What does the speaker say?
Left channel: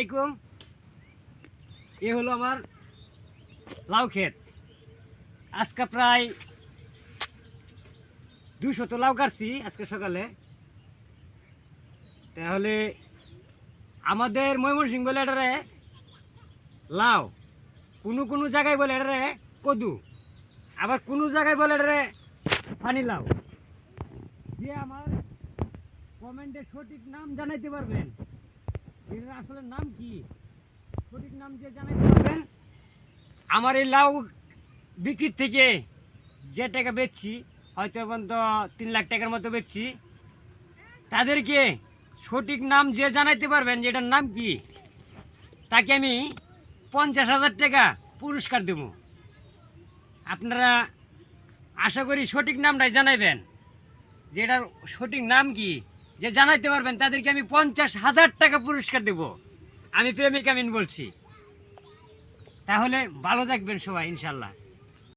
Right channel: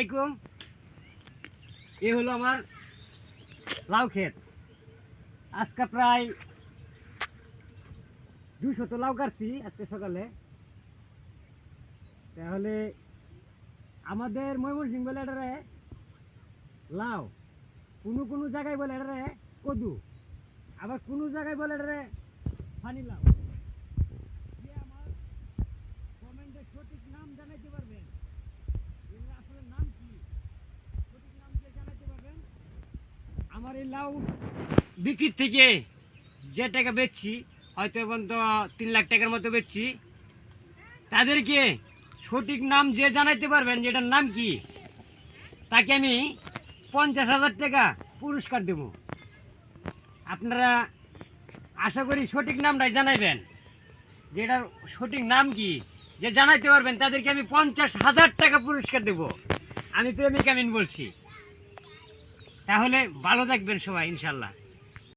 আলাইকুম। এ হলো আমার লাউ ক্ষেত। আজকে প্রায় 200 লাউ কাটছি আজকে সকালে। তাহলে আমাদের ময়মনসিংহ বলে এটারে লাউ, কোনো জায়গায় বলে এটারে কদু, আবার কোনো জায়গায় বলে এটারে পানি লাউ। যে আমার কমেন্টে সঠিক নাম জানাইতে পারবেন, এটার আসলে নাম কি, সঠিক নাম যে জানাইতে পারবেন, আমার এই লাউ বিক্রির থেকে যে টাকা বেচছি, হয়তো এখন তো 3 লাখ টাকার মতো বেচছি, তাদেরকে সঠিক নাম যে জানাইতে পারবেন যে এটার নাম কি, তাকে আমি 50,000 টাকা পুরস্কার দেব। আপনারা আশা করি সঠিক নামটাই জানাইবেন, যে এটার সঠিক নাম কি, যে জানাইতে পারবেন তাদেরকে আমি 50,000 টাকা পুরস্কার দেব। আমি প্রেমিক আমিন বলছি। তাহলে ভালো থাকবেন সবাই ইনশাল্লাহ।